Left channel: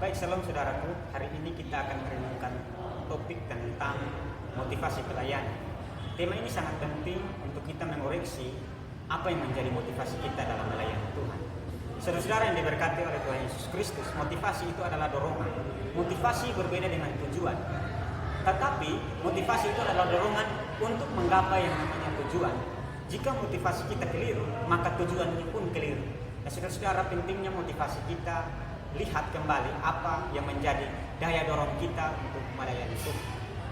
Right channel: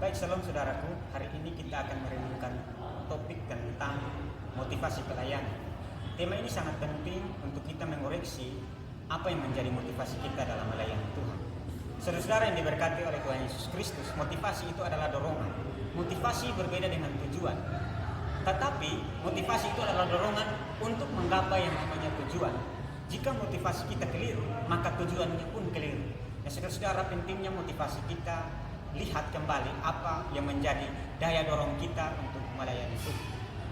Baik, salam saudaraku. Hari ini kita akan merenungkan topik tentang motivasi pelayanan. Tema ini sangat penting untuk kita mengoreksi apa yang menjadi motivasi kita dalam melayani Tuhan. Saudara-saudara yang diberkati oleh Tuhan Yesus Kristus, motivasi itu adalah dorongan. Motivasi berbeda dengan tujuan. Tetapi motivasi itu adalah dorongan untuk menggapai yang namanya tujuan. Jika motivasi kita keliru, maka tujuannya pun keliru. Nah, saudara-saudara, pentingnya motivasi kita lihat kembali apa yang menjadi daya dorong kita untuk melayani Tuhan.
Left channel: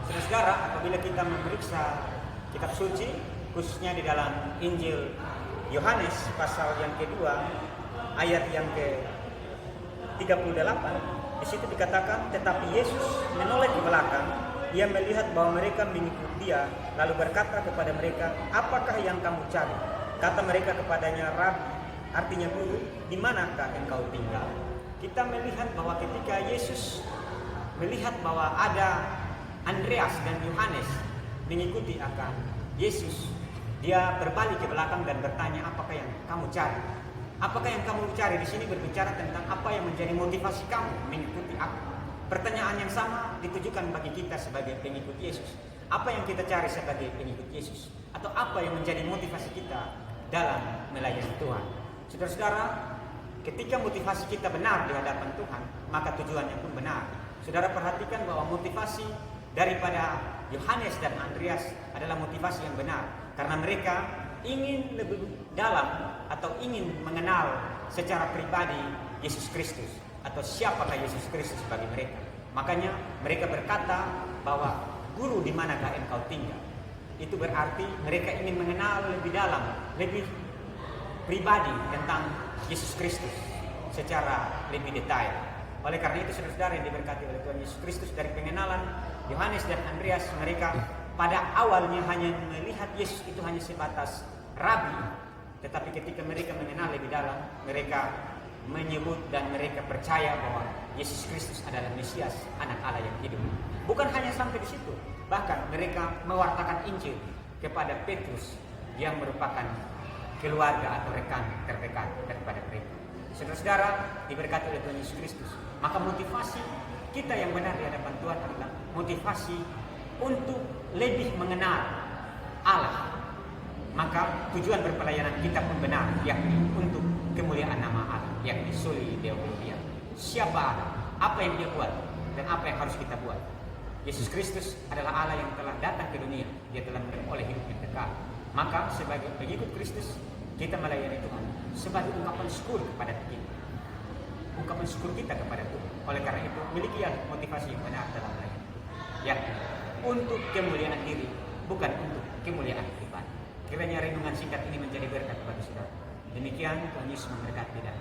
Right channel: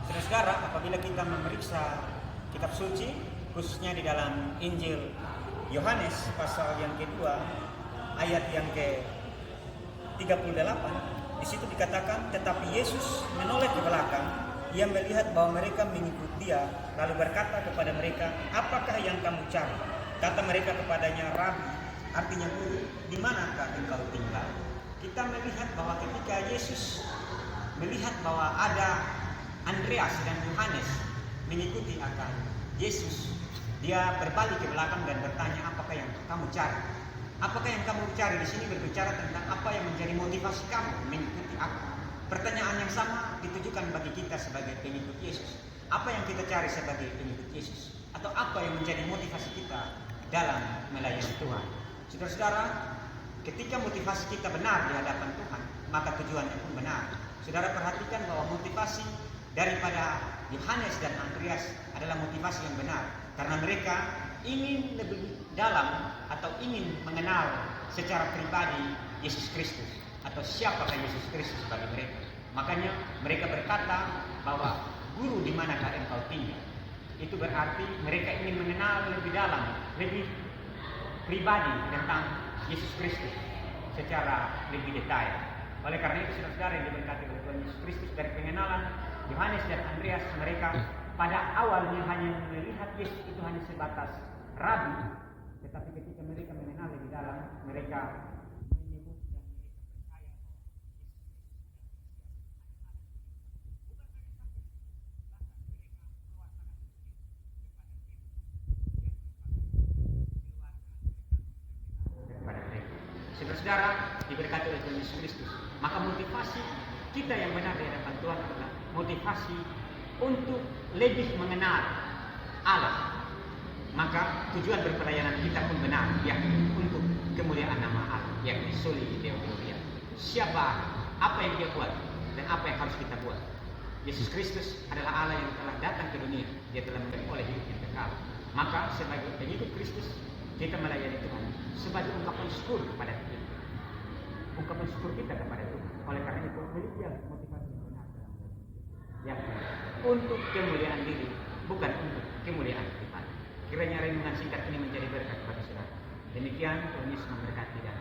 Saudara-saudara, apabila kita memeriksa kitab suci, khususnya di dalam Injil Yohanes pasal yang kedua, ayat yang ke-38, di situ dikatakan, tetapi Yesus menoleh ke belakang, ia melihat bahwa mereka mengikuti dia, lalu berkata kepada mereka, apakah yang kamu cari? Kata mereka kepadanya, Rabi, artinya guru, di manakah engkau tinggal? Kita melihat bahwa ketika Yesus melihat bahwa ada Andreas dan Yohanes mengikuti akan Yesus, dia berbalik ke belakang dan bertanya, apakah yang kamu cari? Apakah yang kamu cari? Di sini berbicara tentang apa yang menjadi motivasi kamu mengikuti aku. Pertanyaan yang sama ditujukan bagi kita sebagai pengikut Yesus. Apa yang kita cari sebagai pengikut Yesus? Atau apa yang menjadi motivasi kita dalam melayani Tuhan? Saudara-saudara, ketika motivasi kita benar di hadapan Tuhan, maka tujuannya pun benar. Saudara perhatikan bahwa motivasi daripada Yohanes dan Andreas adalah motivasi yang benar. Karena mereka ingin lebih dalam atau ingin mengenal secara pribadi Yesus Kristus. Atau siapakah Yesus Kristus bagi mereka. Makanya mereka berkata bahwa guru di manakah engkau tinggal. Itu berarti mereka ingin mengenal lebih dalam, lebih pribadi tentang Yesus Kristus secara lebih detail. Oleh karena itu saudara-saudara yang diberkati oleh Tuhan Yesus Kristus, dari pengenalan Yohanes dan Andreas, mereka pada awalnya hanya melihat Yesus itu hanya sebatas rabi, tetapi ketika mereka mengenal lebih dalam, mereka menyebut dan mereka percaya bahwa Yesus Kristus adalah Mesias, anak Allah yang hidup. Bukan hanya sampai di situ, bahkan mereka mewartakan Injil kepada Petrus yang merupakan keluarga atau rekan terdekat daripada mereka. Saudara-saudara diberkati oleh Tuhan Yesus Kristus, maka motivasi kita yang benar di hadapan Tuhan adalah motivasi untuk lebih mengenal Allah. Maka tujuan berpelayanan kita pun benar, yakni untuk kemuliaan nama Allah, yakni soli Deo Gloria. Siapa Allah, apa yang dia buat, dan apa yang harus kita buat. Yesus Kristus adalah Allah yang telah datang ke dunia, dia telah memperoleh hidup yang kekal. Maka sebagai pengikut Kristus, kita melayani Tuhan sebagai ungkapan syukur kepada kita. Ungkapan syukur kita kepada Tuhan. Oleh karena itu, milikilah motivasi yang benar dalam melayani. Yang untuk kemuliaan diri, bukan untuk kemuliaan kita. Kiranya renungan singkat ini menjadi berkat bagi saudara. Demikian Tuhan Yesus memberkati dan